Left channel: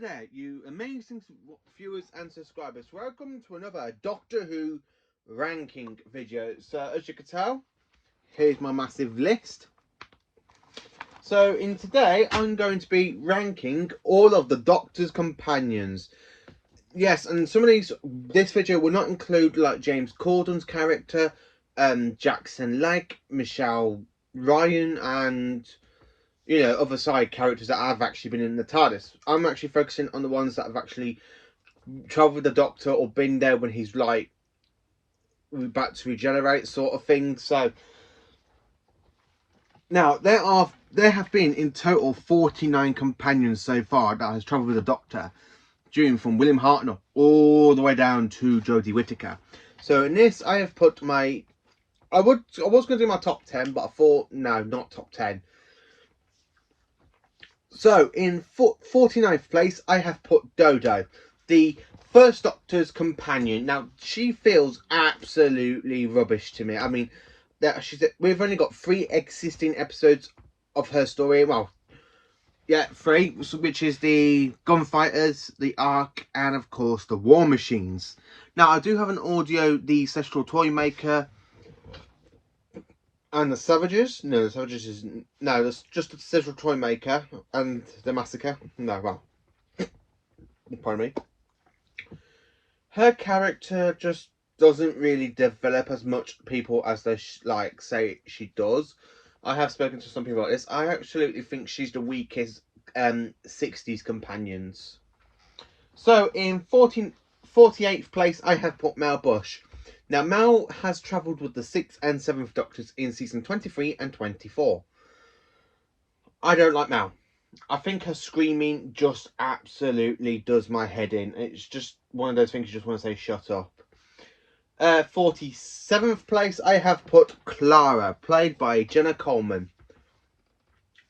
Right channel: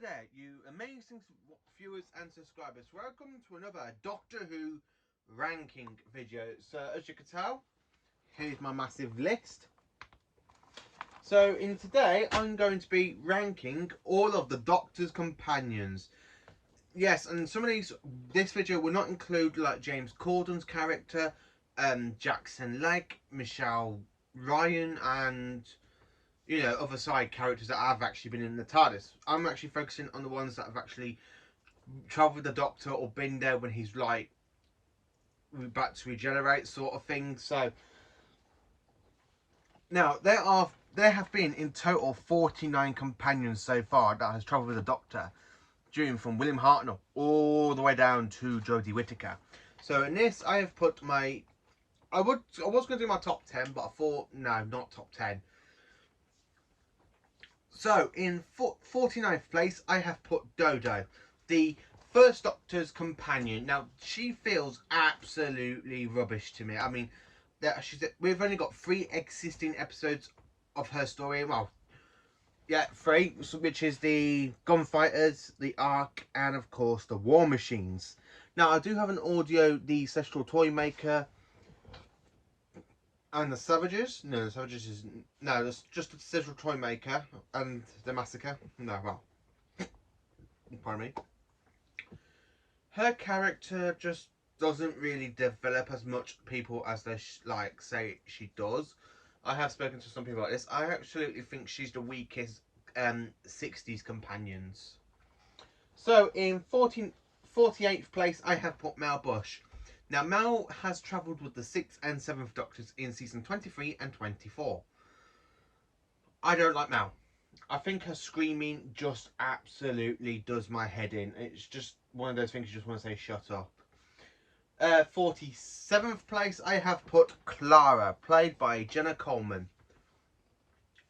there, you amazing viewers and subscribers. Welcome to another Doctor Who ranking video. So, as you can tell, here's my massive list. So, in today, I'm going to be ranking all of the Doctor's companions. Yes, and some of this video will not include like James Corden's character, Jackson Legg, Michelle Ryan, and other side characters that have actually been in the TARDIS. I'm actually focusing on the ones that have actually travelled with the Doctor or been there when he's like about to regenerate, sort of thing. So now there have been in total 49 companions so far that has travelled with the Doctor, during from William Hartnell all the way down to Jodie Whittaker. So in this, I have put my I was going to do my top 10, but I thought no, not top 10. So, in 49th place, I have put Dodo, the First Doctor's companion. Now, she feels absolutely rubbish to me. I mean, we've only got 3 existing episodes of her story. Well, yeah, 3, which is the Gunfighters, the Ark, and of course, the War Machines. Now, I do have an audio, the Ancestral Toymaker, and the Savages. No, the Savages is no. That's just the Ancestral Toymaker and the Massacre. No, well, pardon me. Her character just doesn't really develop as much people as they say she does. I have spoken to some people like this. I absolutely think she's the weakest 60s companions. So in 48th place, I have put Mel Bush. Now, Mel has travelled with the 6th and 7th Doctors in season 23 and 24. I don't like Mel. I think her screaming just absolutely does my head in. It's just one of those things you just want to say, shut up. 47th place, I have put Clara, played by Jenna Coleman.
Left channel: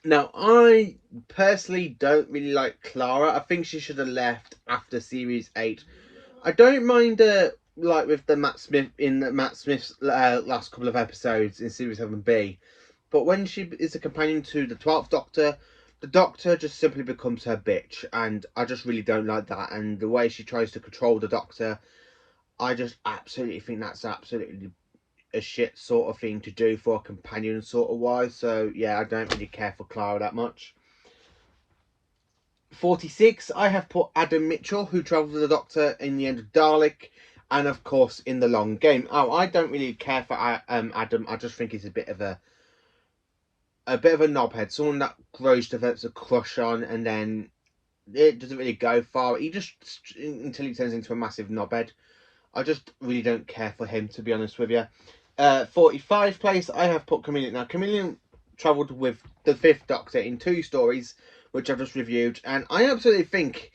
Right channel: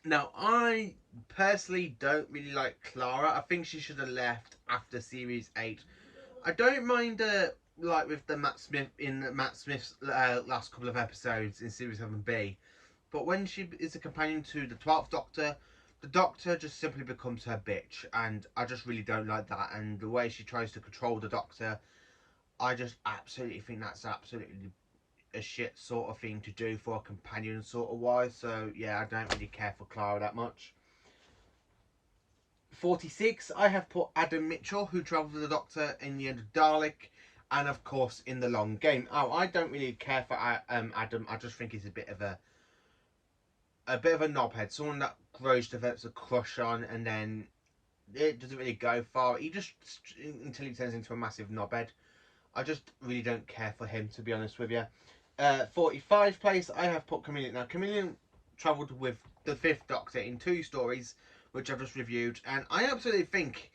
Now, I personally don't really like Clara. I think she should have left after series 8. I don't mind her like with the Matt Smith's last couple of episodes in series 7B, but when she is a companion to the 12th Doctor, the Doctor just simply becomes her bitch, and I just really don't like that. And the way she tries to control the Doctor, I just absolutely think that's absolutely a shit sort of thing to do for a companion sort of wise. So yeah, I don't really care for Clara that much. 46, I have put Adam Mitchell, who travelled with the Doctor in the End of Dalek, and of course in The Long Game. Oh, I don't really care for Adam. I just think he's a bit of a knobhead, someone that Rose develops a crush on, and then it doesn't really go far. He just until he turns into a massive knobhead. I just really don't care for him, to be honest with you. 45 place, I have put Chameleon. Now, Chameleon travelled with the 5th Doctor in 2 stories, which I've just reviewed, and I absolutely think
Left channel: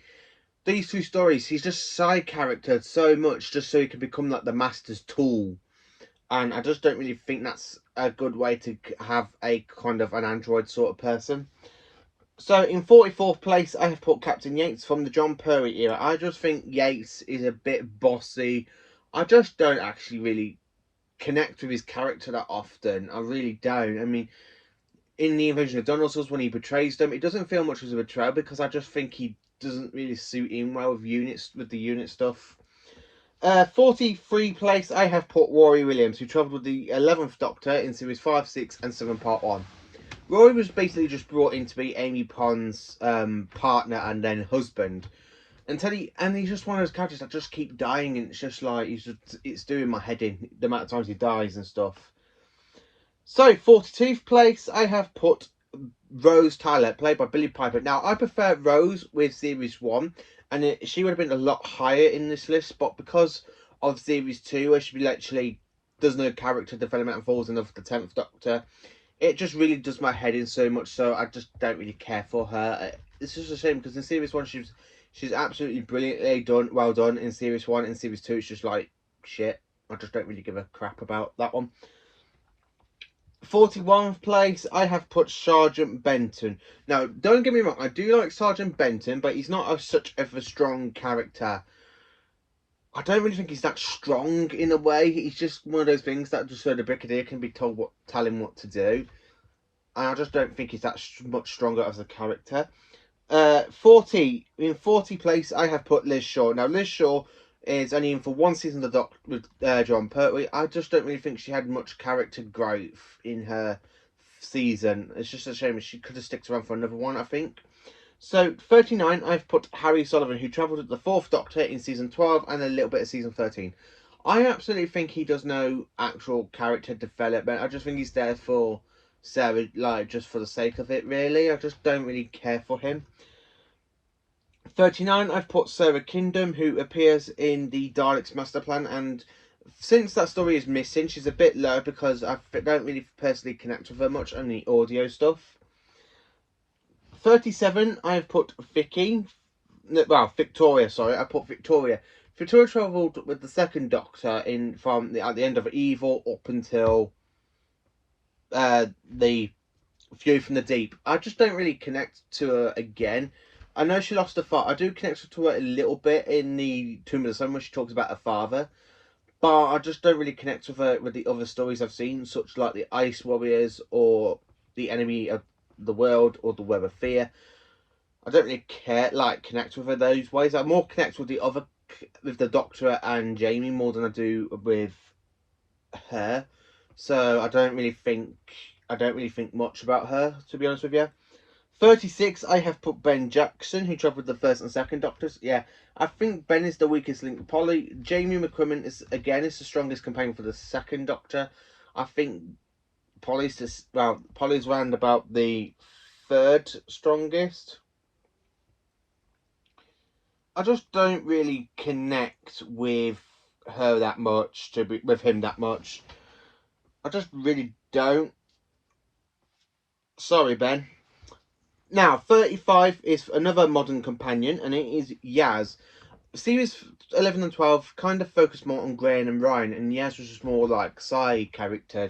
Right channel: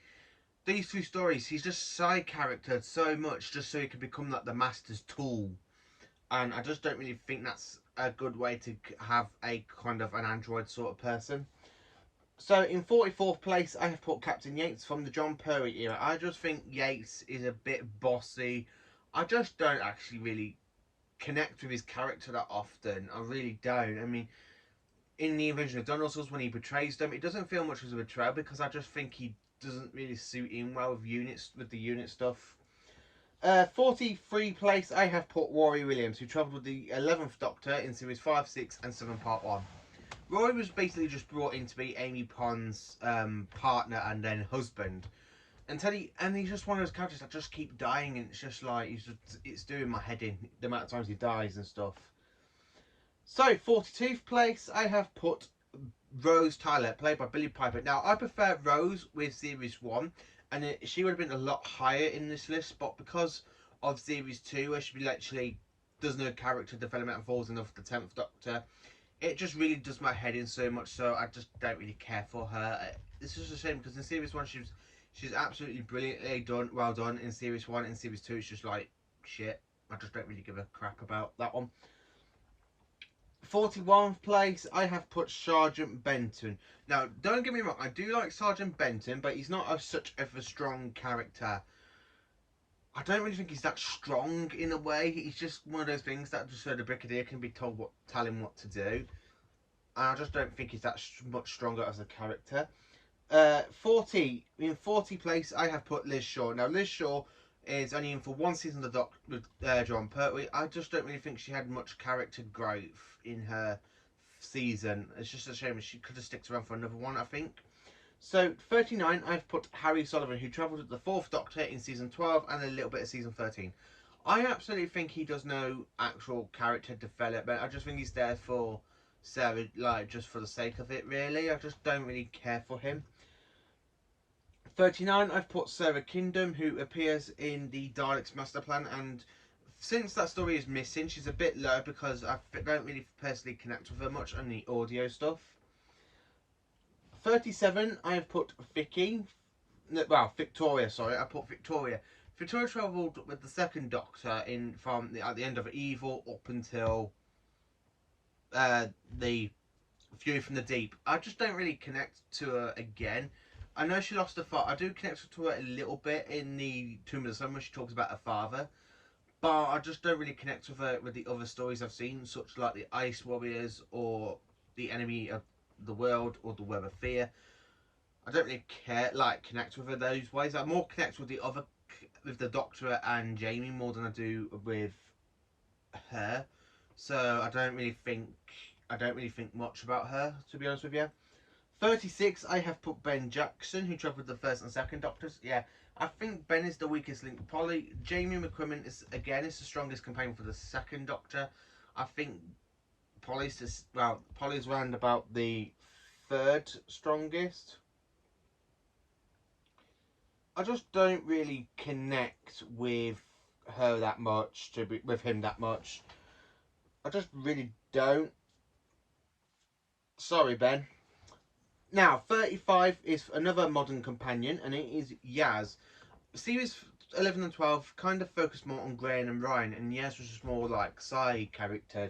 these 2 stories, he's just side charactered so much just so he can become like the Master's tool, and I just don't really think that's a good way to have a kind of an android sort of person. So in 44th place, I have put Captain Yates from the John Perry era. I just think Yates is a bit bossy. I just don't actually really connect with his character that often. I really don't. I mean, in the Invasion of Dinosaurs, when he betrays them, it doesn't feel much as a betrayal because I just think he doesn't really suit in well with the unit stuff. 43 place, I have put Rory Williams, who travelled with the 11th Doctor in series 5, 6 and 7 part 1. Rory was basically just brought in to be Amy Pond's partner and then husband. And he's just one of those characters that just keep dying, and it's just like it's doing my head in the amount of times he dies and stuff. So 42th place, I have put Rose Tyler, played by Billie Piper. Now I prefer Rose with series 1, and she would have been a lot higher in this list, but because of series 2, where she literally does no character development and falls in love with the 10th Doctor, it just really does my head in so much, so I just don't really care for her. It's just a shame because in series 1 she's absolutely brilliantly well done in series 1. In series 2 it's just like shit. I just don't really give a crap about that one. 41st place, I have put Sergeant Benton. Now, don't get me wrong, I do like Sergeant Benton, but he's not such of a strong character. I don't really think he's that strong in a way. He's just one of those things that just so the Brigadier can be tell him what to do. And I just don't think he's that much stronger as a character. In 40 place, I have put Liz Shaw. Now, Liz Shaw is only in for one season of the Doc with John Pertwee. I just don't really think she had much character growth in her season. It's just a shame. She could have stuck around for another one, I think. So, 39, I've put Harry Sullivan, who travelled with the 4th Doctor in season 12 and a little bit of season 13. I absolutely think he does no actual character development. I just think he's there for Sarah, like, just for the sake of it, really. I just don't really care for him. 39, I've put Sarah Kingdom, who appears in the Daleks Master Plan, and since that story is missing, she's a bit low because I don't really personally connect with her much on the audio stuff. 37, I've put Vicky. Well, Victoria, sorry. I put Victoria. Victoria travelled with the 2nd Doctor at the end of Evil up until the View from the Deep. I just don't really connect to her again. I know she lost her father. I do connect to her a little bit in the Tomb of the Sun when she talks about her father. But I just don't really connect with her with the other stories I've seen, such like the Ice Warriors or the Enemy of the World or the Web of Fear. I don't really connect with her those ways. I more connect with the Doctor and Jamie more than I do with her. So I don't really think much about her, to be honest with you. 36, I have put Ben Jackson, who travelled with the 1st and 2nd Doctors. Yeah, I think Ben is the weakest link. Jamie McCrimmon is the strongest companion for the 2nd Doctor. I think Polly's round about the 3rd strongest. I just don't really connect with her that much, with him that much. I just really don't. Sorry, Ben. Now, 35 is another modern companion, and it is Yaz. Series 11 and 12 kind of focused more on Graham and Ryan, and Yaz was just more like side character.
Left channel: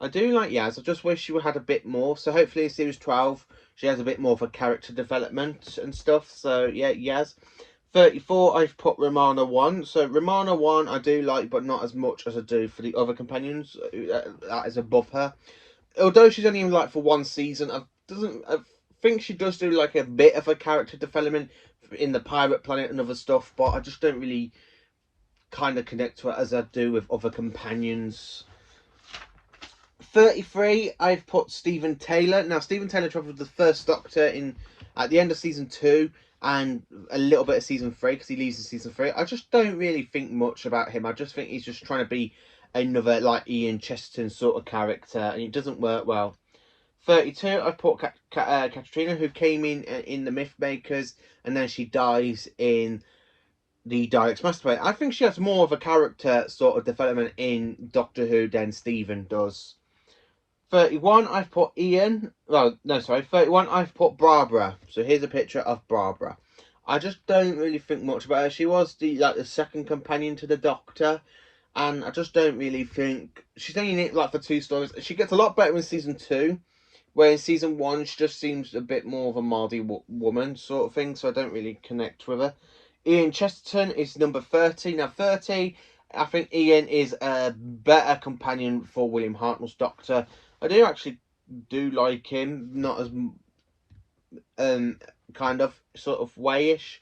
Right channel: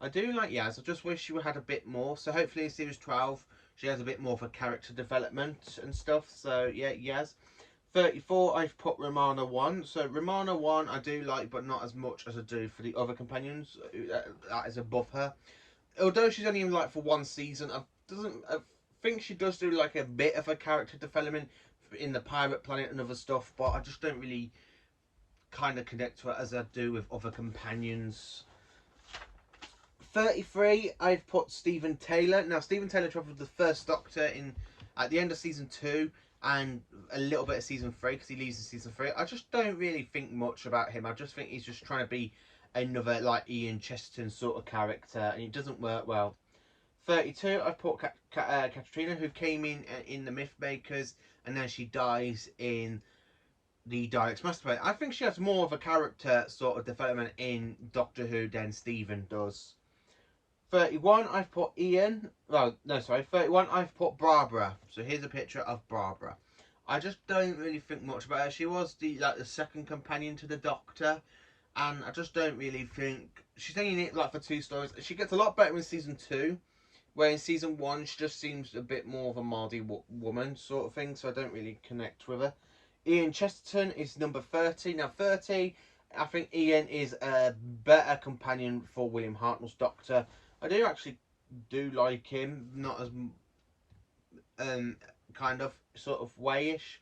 I do like Yaz, I just wish she had a bit more, so hopefully in Series 12 she has a bit more of a character development and stuff, so yeah, Yaz. 34, I've put Ramona 1. So Ramona 1 I do like, but not as much as I do for the other companions. That is above her. Although she's only in like for one season, I think she does do like a bit of a character development in the Pirate Planet and other stuff, but I just don't really kind of connect to her as I do with other companions. 33, I've put Stephen Taylor. Now, Stephen Taylor travelled with the 1st Doctor at the end of season 2 and a little bit of season 3 because he leaves in season 3. I just don't really think much about him. I just think he's just trying to be another like Ian Chesterton sort of character, and it doesn't work well. 32, I put Katarina, who came in the Mythmakers, and then she dies in the Daleks Master Plan. I think she has more of a character sort of development in Doctor Who than Stephen does. 31, I've put Ian. Well, no, sorry. 31, I've put Barbara. So here's a picture of Barbara. I just don't really think much about her. She was the 2nd companion to the Doctor, and I just don't really think she's only in it like for 2 stories. She gets a lot better in season 2, where in season 1 she just seems a bit more of a Mardy woman sort of thing. So I don't really connect with her. Ian Chesterton is number 30. Now 30, I think Ian is a better companion for William Hartnell's Doctor. I do actually like him, not as kind of sort of wayish.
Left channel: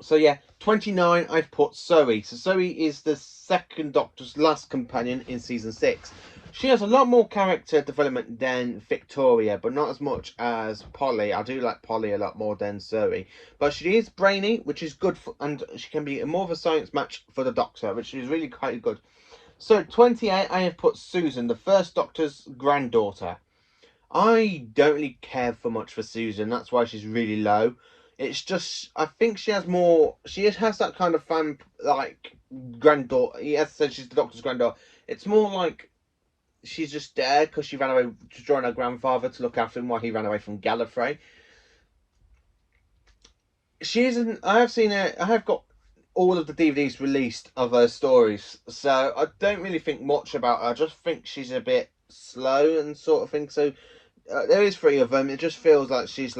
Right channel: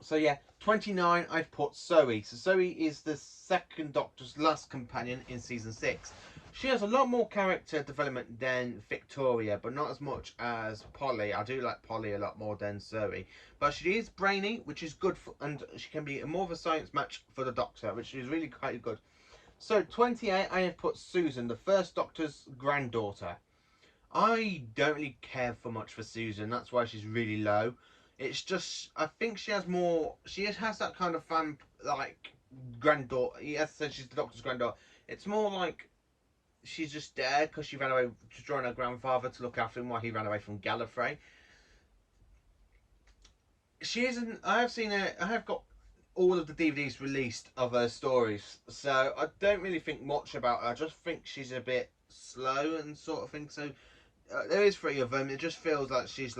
So yeah, 29, I've put Zoe. So Zoe is the 2nd Doctor's last companion in season 6. She has a lot more character development than Victoria, but not as much as Polly. I do like Polly a lot more than Zoe. But she is brainy, which is good, and she can be more of a science match for the Doctor, which is really quite good. So 28, I have put Susan, the 1st Doctor's granddaughter. I don't really care for much for Susan. That's why she's really low. It's just, I think she has that kind of fun, like, granddaughter. He has said she's the Doctor's granddaughter. It's more like she's just there because she ran away to join her grandfather to look after him while he ran away from Gallifrey. I have got all of the DVDs released of her stories, so I don't really think much about her. I just think she's a bit slow and sort of thing. So there is 3 of them. It just feels like she's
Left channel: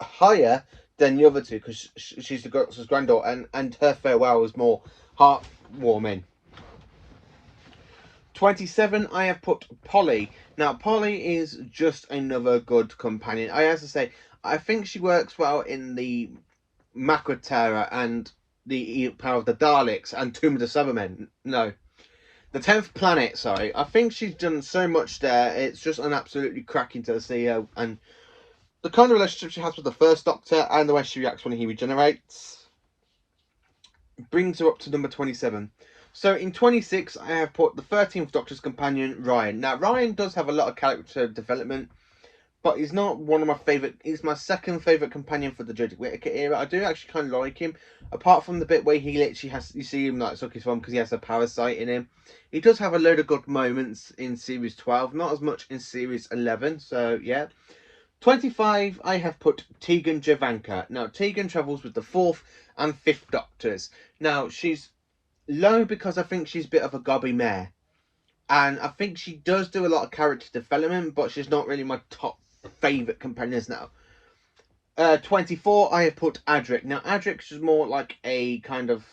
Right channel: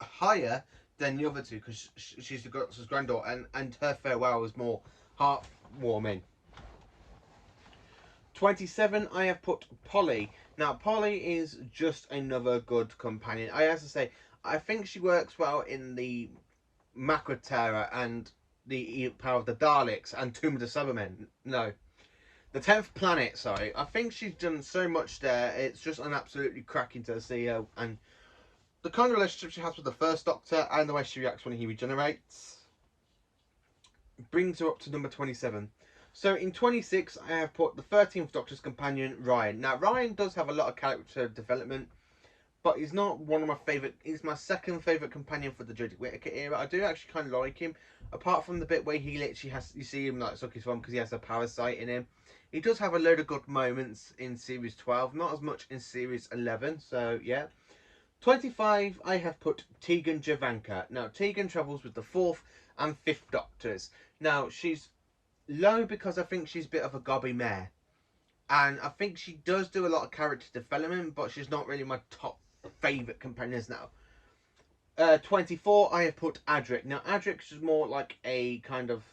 higher than the other 2 because she's the Doctor's granddaughter, and her farewell was more heartwarming. 27, I have put Polly. Now, Polly is just another good companion. I have to say, I think she works well in the Macra Terror and the Power of the Daleks and Tomb of the Cybermen. No, the 10th Planet, sorry. I think she's done so much there. It's just an absolutely cracking to the CEO. And the kind of relationship she has with the First Doctor and the way she reacts when he regenerates brings her up to number 27. So in 26, I have put the 13th Doctor's companion, Ryan. Now, Ryan does have a lot of character development, but he's not one of my favourite. He's my second favourite companion for the Jodie Whittaker era. I do actually kind of like him, apart from the bit where he literally has, you see him like suck his thumb because he has a parasite in him. He does have a load of good moments in Series 12, not as much in Series 11, so yeah. 25, I have put Tegan Javanka. Now, Tegan travels with the 4th and 5th Doctors. Now, she's low because I think she's a bit of a gobby mare. And I think she does do a lot of character development, but she's not really my top favourite companions now. 24, I have put Adric. Now, Adric is more like a kind of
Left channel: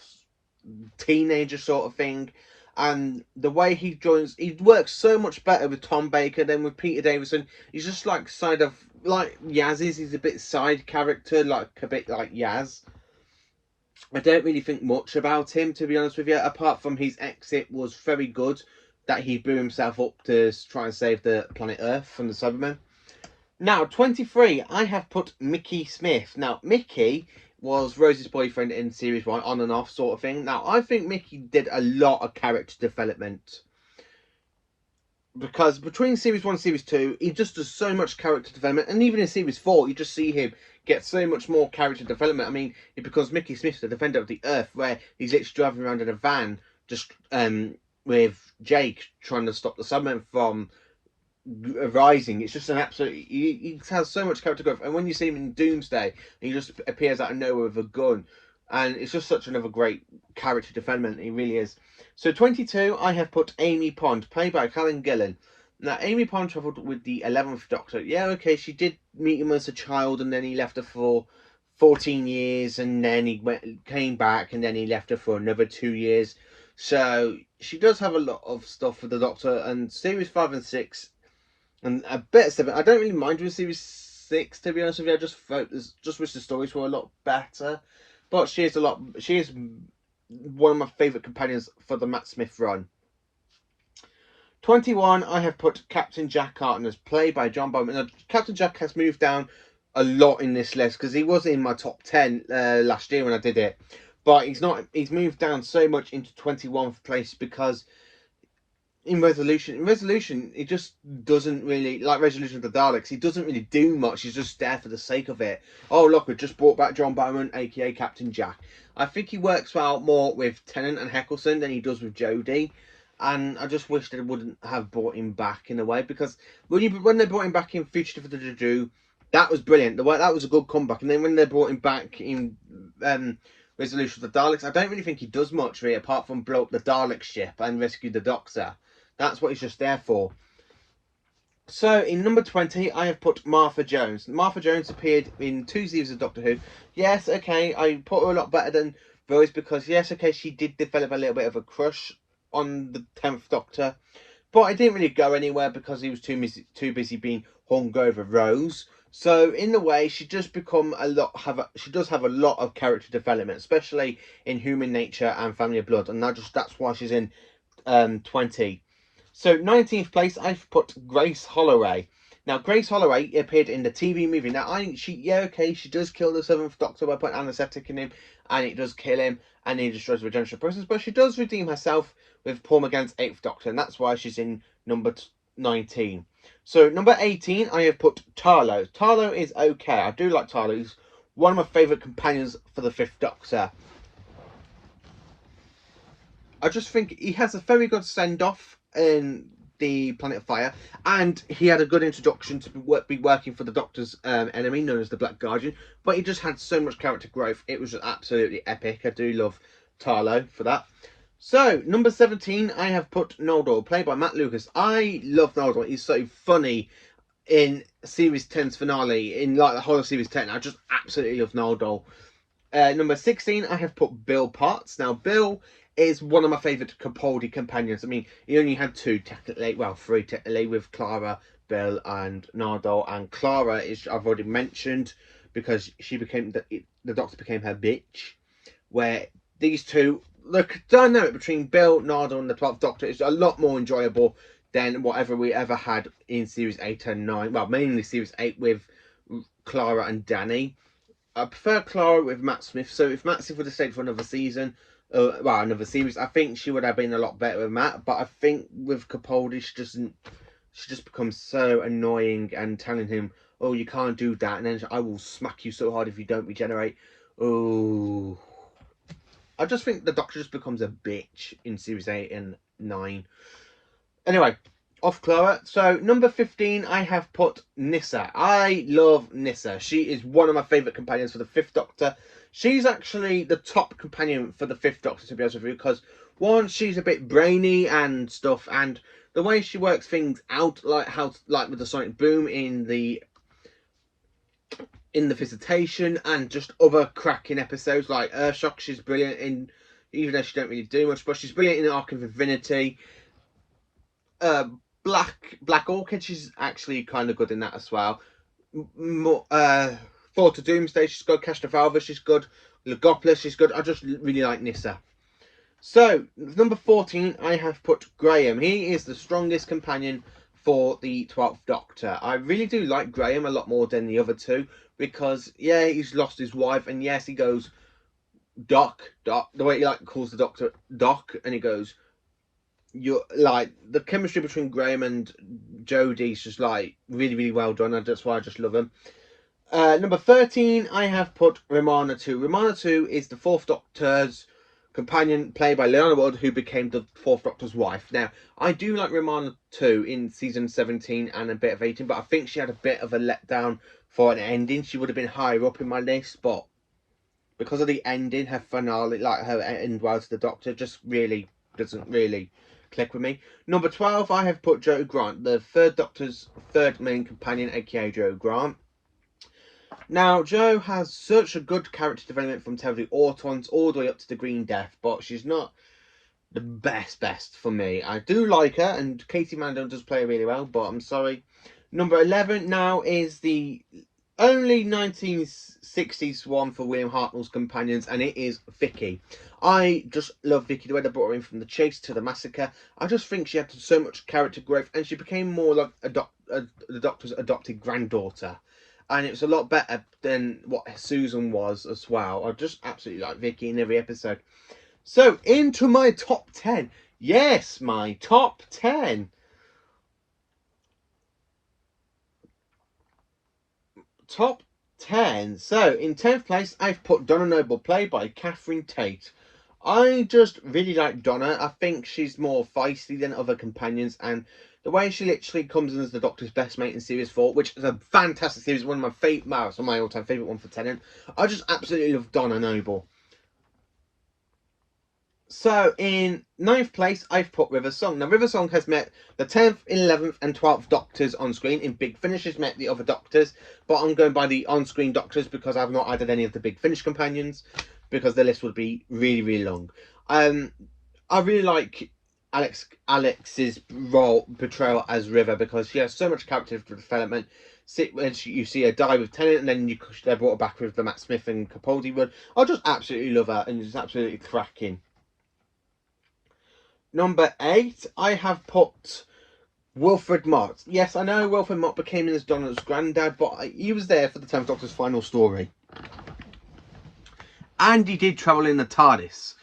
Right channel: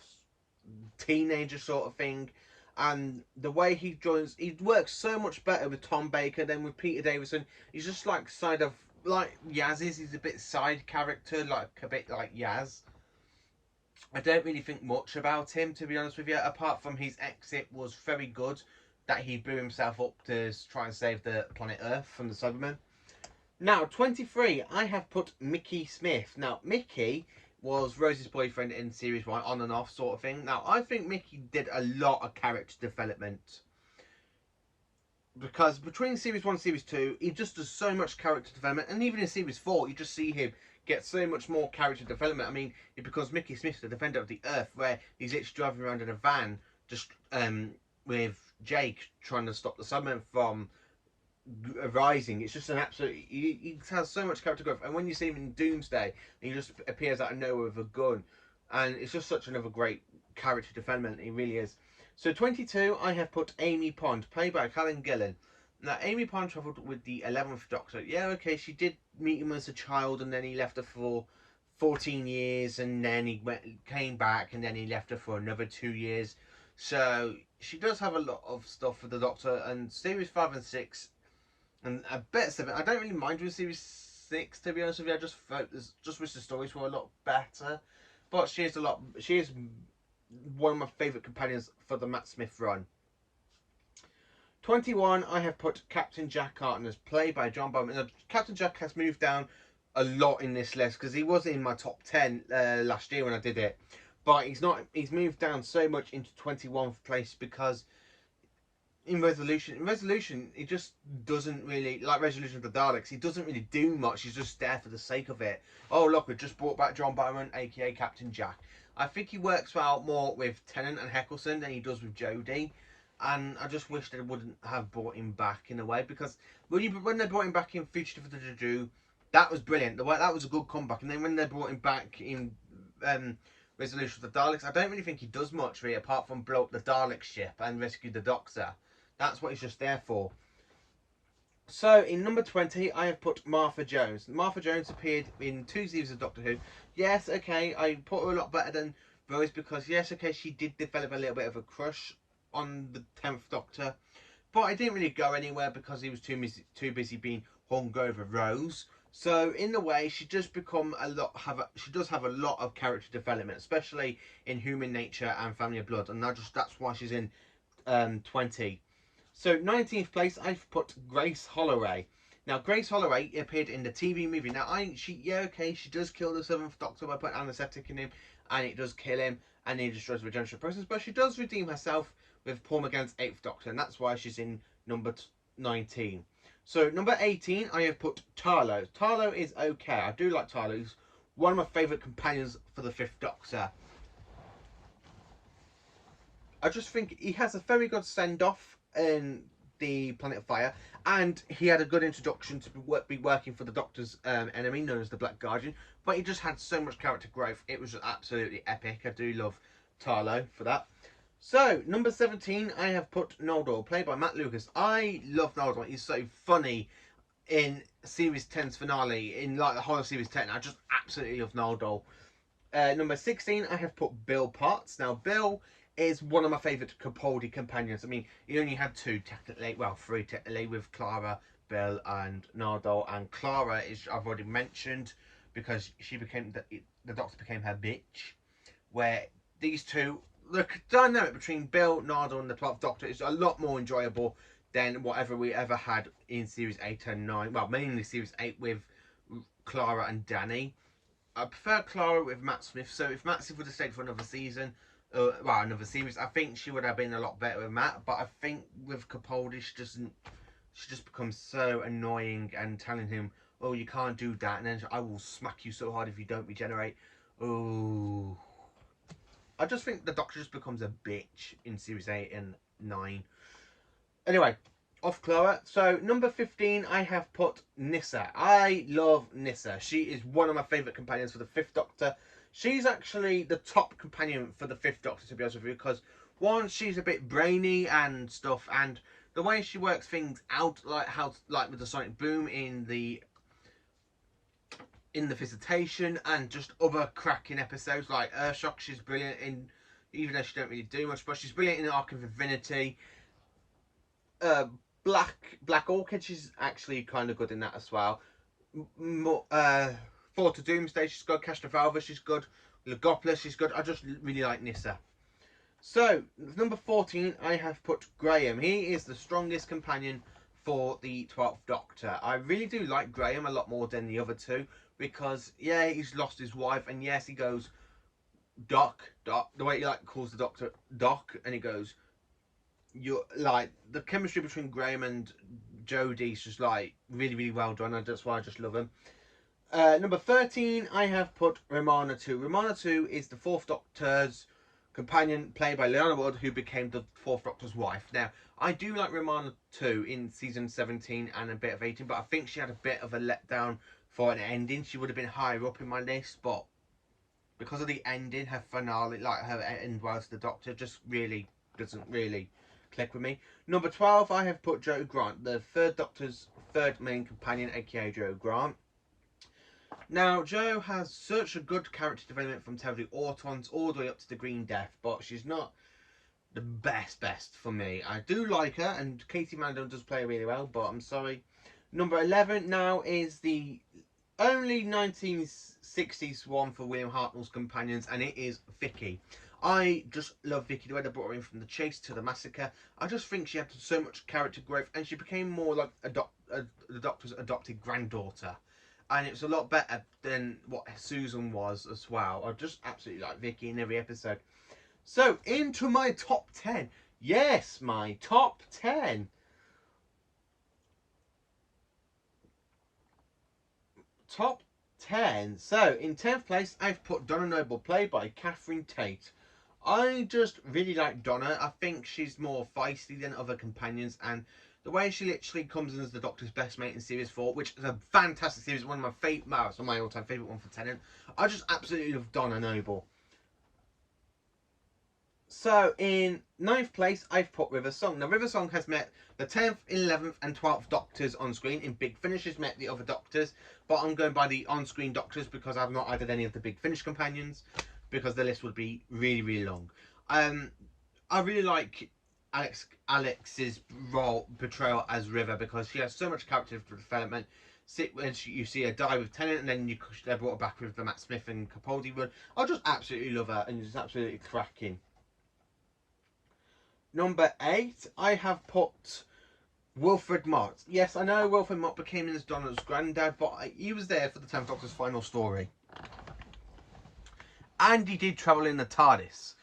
teenager sort of thing. And the way he joins, he works so much better with Tom Baker than with Peter Davison. He's just like side of, like Yaz is. He's a bit side character, like a bit like Yaz. I don't really think much about him, to be honest with you, apart from his exit was very good, that he blew himself up to try and save the planet Earth from the Cybermen. Now, 23, I have put Mickey Smith. Now, Mickey was Rose's boyfriend in Series 1, on and off sort of thing. Now, I think Mickey did a lot of character development. Because between Series 1 and Series 2, he just does so much character development. And even in Series 4, you just see him get so much more character development. I mean, it becomes Mickey Smith, the Defender of the Earth, where he's literally driving around in a van, just with Jake, trying to stop the Cybermen from rising. It's just an absolute, he has so much character growth. And when you see him in Doomsday, he just appears out of nowhere with a gun, and it's just such another great character development. He really is. So 22, I have put Amy Pond, played by Helen Gillen. Now, Amy Pond travelled with the 11th Doctor. Yeah, okay, she did meet him as a child, and then he left her for 14 years, and then he came back, and then he left her for another 2 years. So she does have a lot of stuff with the Doctor, and Series 5 and 6, and a bit of 7. I don't really mind with Series 6, to be honest with you. I just wish the stories were a lot better. But she is one of my favourite companions for the Matt Smith run. 21, I have put Captain Jack Harkness, played by John Bowman. Now, Captain Jack has moved down a lot in this list because he was in my top 10 last year when I did it. But he's moved down so much into 21st place because in Resolution, it just doesn't really, like Resolution of the Daleks, he doesn't really do much. He's just there for the sake of it. Oh, look, we just brought back John Bowman, aka Captain Jack. I think he works well more with Tennant and Heckelson than he does with Jodie. And I just wish they wouldn't have brought him back in a way, because when they brought him back in Fugitive of the Dodo, that was brilliant. That was a good comeback. And then when they brought him back in Resolution of the Daleks, I don't really think he does much really, apart from blow up the Dalek ship and rescue the Doctor. That's what he's just there for. So, in number 20, I have put Martha Jones. Martha Jones appeared in 2 seasons of Doctor Who. Yes, okay, I put her a lot better than Rose because, yes, okay, she did develop a little bit of a crush on the 10th Doctor. But I didn't really go anywhere because he was too busy being hung over Rose. So, in a way, she does she does have a lot of character development, especially in Human Nature and Family of Blood. And that's why she's in 20. So 19th place, I've put Grace Holloway. Now, Grace Holloway appeared in the TV movie. Now, she does kill the 7th Doctor by putting anaesthetic in him, and it does kill him, and he destroys the regenerative process. But she does redeem herself with Paul McGann's 8th Doctor, and that's why she's in number 19. So number 18, I have put Tarlo. Tarlo is okay. I do like Tarlo. He's one of my favourite companions for the 5th Doctor. I just think he has a very good send-off in the Planet of Fire, and he had a good introduction to be working for the Doctor's enemy, known as the Black Guardian, but he just had so much character growth. It was just absolutely epic. I do love Tarlo for that. So, number 17, I have put Naldol, played by Matt Lucas. I love Naldol. He's so funny in Series 10's finale, in like the whole of Series 10. I just absolutely love Naldol. Number 16, I have put Bill Potts. Now, Bill is one of my favourite Capaldi companions. I mean, he only had two technically, well, three technically, with Clara, Bill, and Naldol. And Clara is, I've already mentioned, because she became the Doctor became her bitch. Where these two, the dynamic between Bill, Naldol, and the 12th Doctor is a lot more enjoyable than whatever we ever had in Series 8 and 9. Well, mainly Series 8 with Clara and Danny. I prefer Clara with Matt Smith. So if Matt Smith would have stayed for another season, well, another series, I think she would have been a lot better with Matt. But I think with Capaldi, she just becomes so annoying and telling him, "Oh, you can't do that," and then I will smack you so hard if you don't regenerate. Oh, I just think the Doctor just becomes a bitch in Series 8 and 9. Anyway, off Clara. So, number 15, I have put Nissa. I love Nissa. She is one of my favourite companions for the 5th Doctor. She's actually the top companion for the 5th Doctor, to be honest with you, because, one, she's a bit brainy and stuff, and the way she works things out, like with the sonic boom in the Visitation, and just other cracking episodes like Earthshock. She's brilliant in, even though she don't really do much, but she's brilliant in Arc of Divinity. Black Orchid, she's actually kind of good in that as well. Thought of Doomsday, she's good. Castrovalva, she's good. Legopolis, she's good. I just really like Nissa. So, number 14, I have put Graham. He is the strongest companion for the 12th Doctor. I really do like Graham a lot more than the other two, because, yeah, he's lost his wife, and yes, he goes, Doc, the way he calls the Doctor Doc, and he goes, you're like, the chemistry between Graham and Jodie's just like really, really well done, and that's why I just love him. Number 13, I have put Ramona 2. Ramona 2 is the 4th Doctor's companion, played by Leela Wood, who became the 4th Doctor's wife. Now, I do like Ramona 2 in season 17 and a bit of 18, but I think she had a bit of a letdown for an ending. She would have been higher up in my list, but because of the ending, her finale, like her end well to the Doctor, just really doesn't really click with me. Number 12, I have put Joe Grant, the 3rd Doctor's 3rd main companion, aka Joe Grant. Now, Jo has such a good character development from the Autons all the way up to the Green Death, but she's not the best for me. I do like her, and Katie Mandel does play really well, but I'm sorry. Number 11 now is the only 1960s one for William Hartnell's companions, and it is Vicky. I just love Vicky, the way they brought her in from the chase to the massacre. I just think she had so much character growth, and she became more like the Doctor's adopted granddaughter. And it was a lot better than what Susan was as well. I just absolutely like Vicky in every episode. So, into my top 10. Yes, my top 10. Top 10. So, in 10th place, I've put Donna Noble, played by Catherine Tate. I just really like Donna. I think she's more feisty than other companions, and the way she literally comes in as the Doctor's best mate in Series 4, which is a fantastic series, one of my favourite, it's my all-time favourite one for Tennant. I just absolutely love Donna Noble. So, in 9th place, I've put River Song. Now, River Song has met the 10th, 11th and 12th Doctors on screen. In Big Finish has met the other Doctors, but I'm going by the on-screen Doctors because I've not added any of the Big Finish companions, because the list would be really, really long. I really like Alex's portrayal as River, because she has so much character development. When you see her die with Tennant, and then they're brought her back with the Matt Smith and Capaldi run. I just absolutely love her, and it's absolutely cracking. Number 8, I have put Wilfred Mark. Yes, I know Wilfred Mark became as Donna's granddad, but he was there for the 10th Doctor's final story. And he did travel in the TARDIS.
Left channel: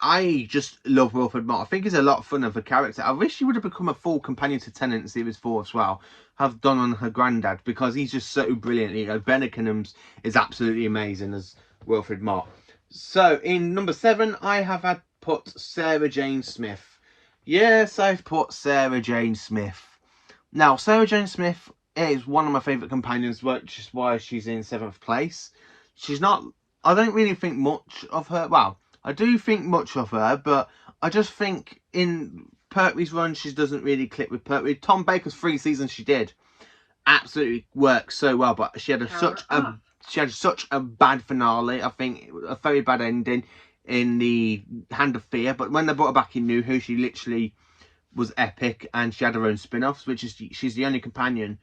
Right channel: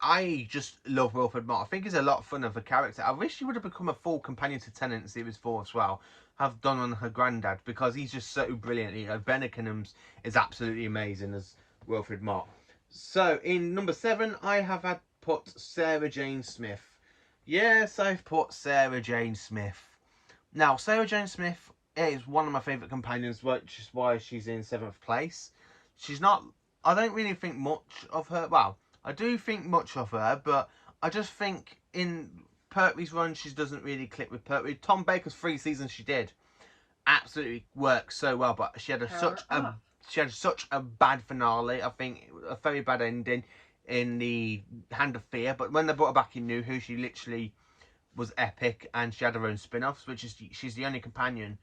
I just love Wilfred Mark. I think he's a lot of fun of a character. I wish he would have become a full companion to Tennant in Series 4 as well. Have Donna and her granddad, because he's just so brilliant. You know, Ben Ickenham's is absolutely amazing as Wilfred Mark. So, in number 7, I have put Sarah Jane Smith. Yes, I've put Sarah Jane Smith. Now, Sarah Jane Smith is one of my favourite companions, which is why she's in 7th place. She's not... I don't really think much of her. Well, I do think much of her, but I just think in Pertwee's run, she doesn't really click with Pertwee. Tom Baker's 3 seasons she did absolutely worked so well, but she had such a bad finale. I think a very bad ending. in the Hand of Fear, but when they brought her back in New Who, she literally was epic, and she had her own spin-offs, which is she's the only companion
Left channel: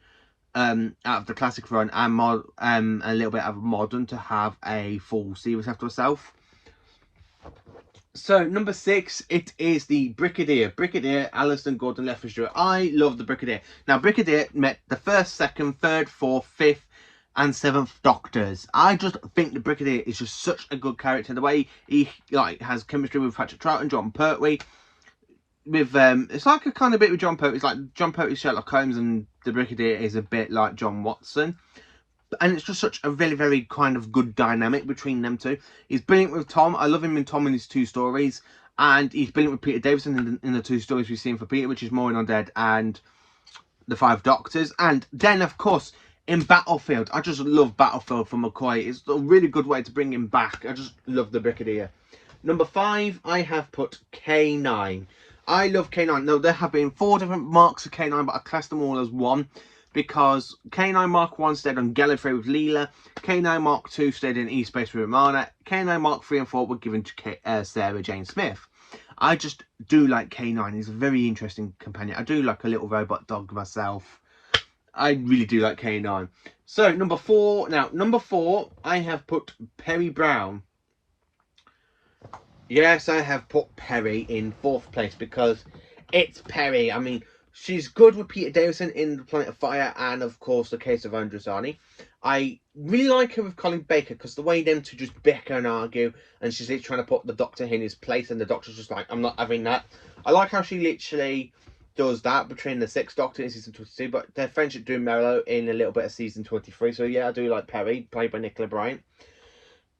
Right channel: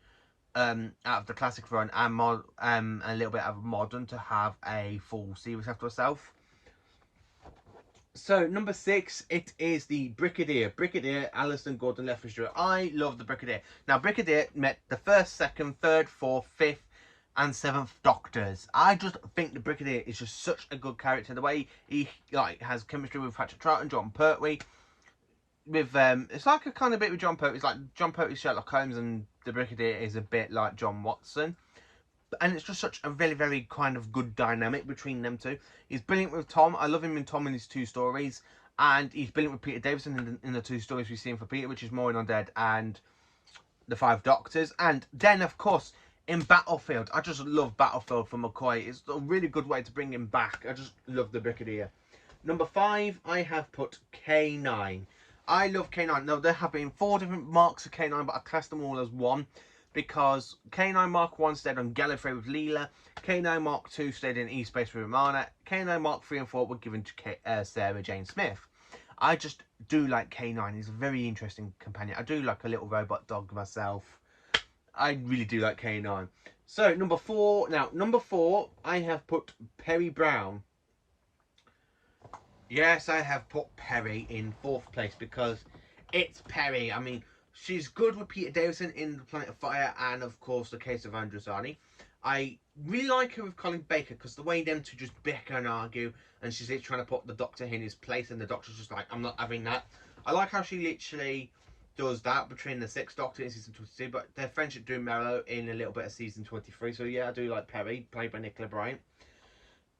out of the classic run and a little bit of modern to have a full series after herself. So number 6, it is the Brigadier Alison Gordon Lethbridge. I love the Brigadier. Now Brigadier met the 1st, 2nd, 3rd, 4th, 5th and 7th Doctors. I just think the Brigadier is just such a good character. The way he like has chemistry with Patrick Troughton, John Pertwee. With it's like a kind of bit with John Pertwee. It's like John Pertwee's Sherlock Holmes, and the Brigadier is a bit like John Watson. And it's just such a very, very kind of good dynamic between them two. He's brilliant with Tom. I love him in Tom in his 2 stories. And he's brilliant with Peter Davison in the 2 stories we've seen for Peter, which is Mourning Undead and the 5 Doctors. And then, of course, in Battlefield. I just love Battlefield for McCoy. It's a really good way to bring him back. I just love the Brigadier. Number 5, I have put K9. I love K9. Now, there have been 4 different marks of K9, but I class them all as one. Because K9 Mark 1 stayed on Gallifrey with Leela, K9 Mark 2 stayed in East Space with Ramona, K9 Mark 3 and 4 were given to Sarah Jane Smith. I just do like K9. He's a very interesting companion. I do like a little robot dog myself. I really do like K9. So, number 4. Now, number 4, I have put Perry Brown. Yes, I have put Perry in 4th place because it's Perry. I mean, she's good with Peter Davison in The Planet of Fire and, of course, The Case of Androzani. I really like her with Colin Baker because the way them two just bicker and argue, and she's literally trying to put the Doctor in his place, and the Doctor's just like, I'm not having that. I like how she literally does that between the 6th Doctor in season 22, but their friendship do mellow in a little bit of season 23. So yeah, I do like Perry, played by Nicola Bryant.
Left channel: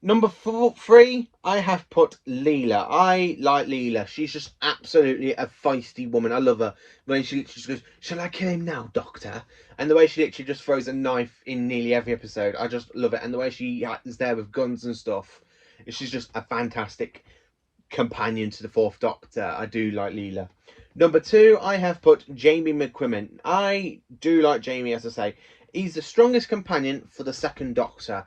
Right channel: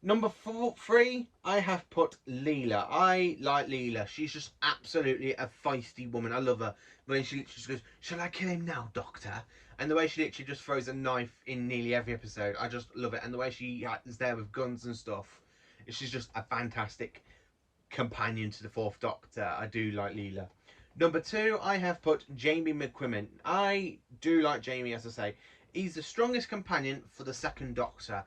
Number 3, I have put Leela. I like Leela. She's just absolutely a feisty woman. I love her. When she literally just goes, shall I kill him now, Doctor? And the way she literally just throws a knife in nearly every episode. I just love it. And the way she is there with guns and stuff. She's just a fantastic companion to the 4th Doctor. I do like Leela. Number 2, I have put Jamie McQuimmen. I do like Jamie, as I say. He's the strongest companion for the 2nd Doctor.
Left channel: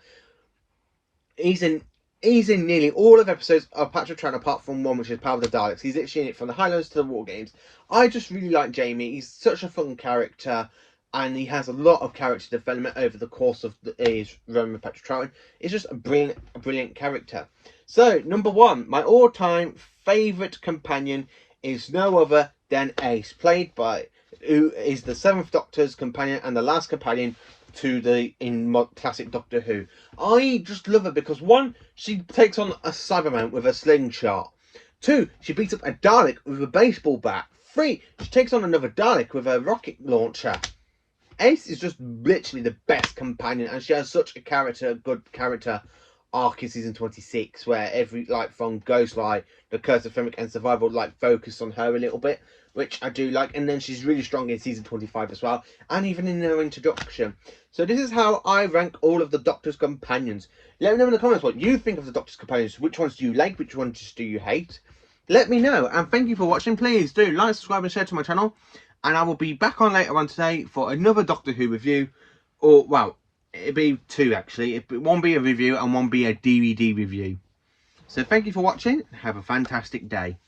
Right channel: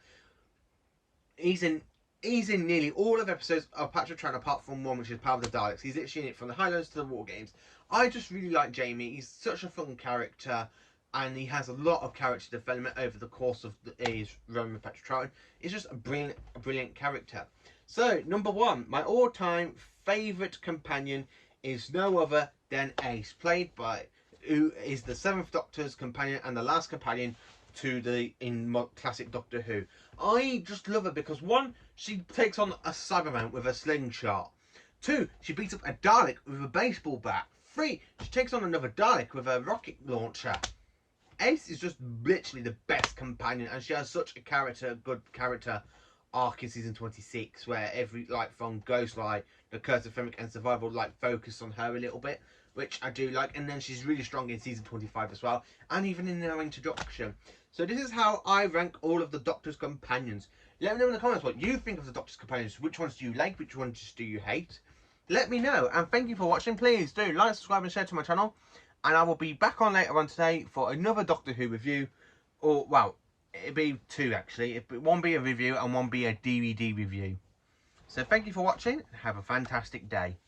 He's in nearly all of episodes of Patrick Troughton apart from one, which is Power of the Daleks. He's literally in it from the Highlands to the War Games. I just really like Jamie. He's such a fun character, and he has a lot of character development over the course of his run with Patrick Troughton. He's just a brilliant character. So, number 1, my all-time favourite companion is no other than Ace, who is the 7th Doctor's companion and the last companion to classic Doctor Who. I just love her because 1, she takes on a Cyberman with a slingshot. 2, she beats up a Dalek with a baseball bat. 3, she takes on another Dalek with a rocket launcher. Ace is just literally the best companion, and she has such a good character arc in season 26, where every from Ghostlight, The Curse of Fenric and Survival focus on her a little bit, which I do like. And then she's really strong in season 25 as well, and even in her introduction. So this is how I rank all of the Doctor's companions. Let me know in the comments what you think of the Doctor's companions. Which ones do you like? Which ones do you hate? Let me know. And thank you for watching. Please do like, subscribe and share to my channel. And I will be back on later on today for another Doctor Who review. Or, well, it'll be 2 actually. One be a review and one be a DVD review. So thank you for watching. Have a fantastic day.